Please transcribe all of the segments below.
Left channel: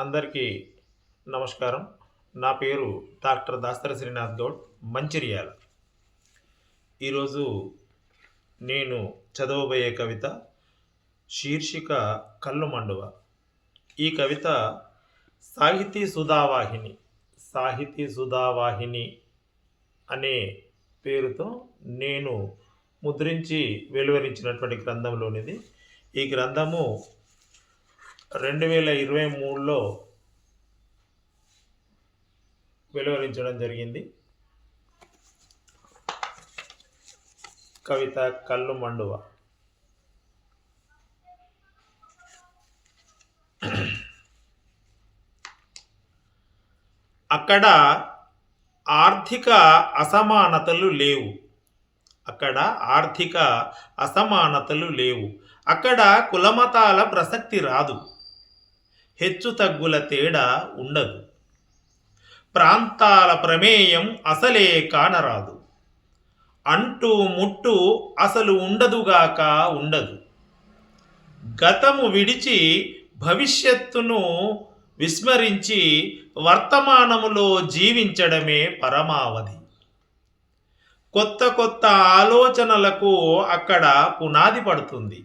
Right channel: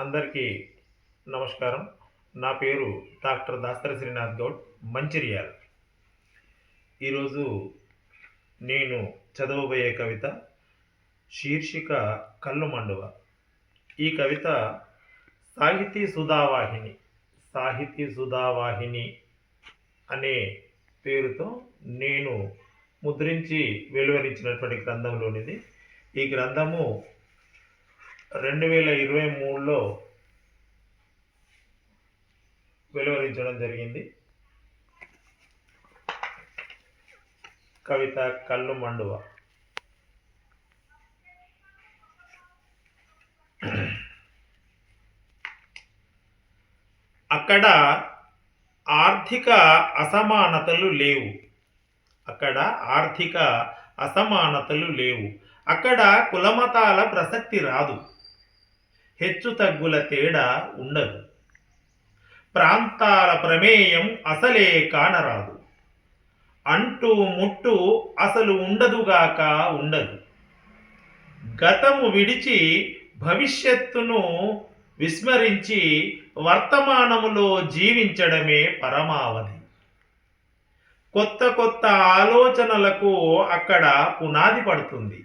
అందరికీ నమస్కారం. నా పేరు డాక్టర్ దాస్తర శ్రీనాథ్ గౌడ్ మంచిర్యాల. ఈరోజు నేను చదవబోయే కవిత శీర్షిక కళ్ళు మండువ. ఈ కవిత సాహితీ సుధావాహిని సాహితీ సుధావాహిని అనే పేరుతో నేను ముద్రించి వెలువరించినటువంటి గ్రంథంలోనిది. ఈ గ్రంథము రెండు వేల ఇరవై మూడులో వెలువరించడం జరిగింది. కవిత కళ్ళు మండువ. అక్కడ ఆర్థిక అసమానతలు లేవు. అక్కడ ఆర్థిక అసమానతలు లేవు. అక్కడ కులమతాల ప్రసక్తి రాదు. హెచ్చు తగ్గుల తేడా ఉండదు. ప్రాంతాల ప్రమేయం అసలే కానరాదు. అంటూ ముట్టు అసలు ఉండదుగాక ఉండదు. గతము విడిచి భవిష్యత్తును విస్మరించి వర్తమానములో జీవించడమే పరమావధి. కొత్త కొత్త ఆలోచనలకు అక్కడ పునాది పడుతుంది.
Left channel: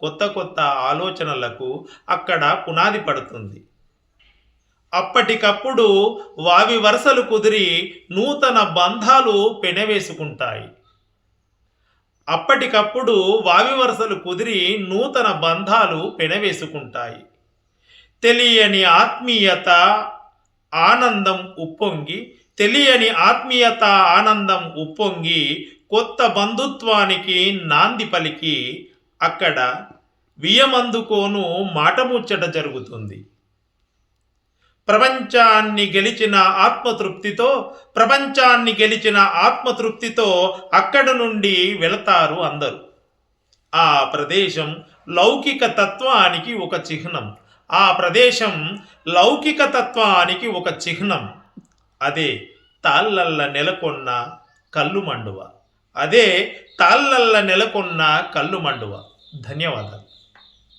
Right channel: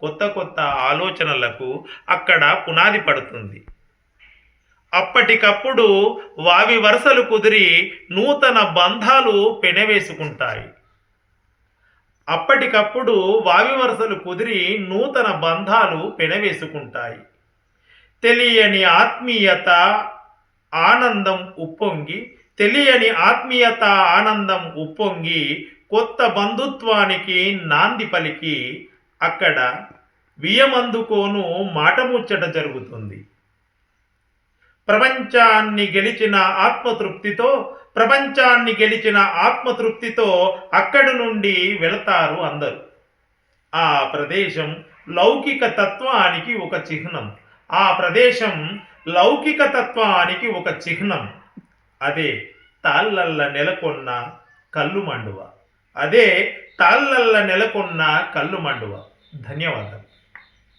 కొత్త కొత్త ఆలోచనలకు అక్కడ పునాది పడుతుంది. అప్పటికప్పుడు వావి వరుసలు కుదిరి నూతన బంధాలు పెనవేసుకుంటాయి. అప్పటికప్పుడు వావి వరుసలు కుదిరి నూతన బంధాలు పెనవేసుకుంటాయి. తెలియని ఆత్మీయత ఆనందం ఉప్పొంగి తెలియని ఆత్మీయత ఆనందం ఉప్పొంగి కొత్త బంధుత్వానికి నాంది పలికి అక్కడ వియమందుకోను మాటముచ్చట జరుగుతుంది. ప్రపంచాన్ని గెలిచిన ఆత్మతృప్తితో ప్రపంచాన్ని గెలిచిన ఆత్మతృప్తితో అక్కడి నుండి వెళతారు అందరూ. ఆ ప్రదేశం లౌకిక తత్వానికి ఒక చిహ్నం. ఆ ప్రదేశం లౌకిక తత్వానికి ఒక చిహ్నం. అదే తాళ్ళల్ల నెలకొన్న కళ్ళు మండువ అదే తాళ్ళల్ల నెలకొన్న కళ్ళు మండువ. ధన్యవాదాలు.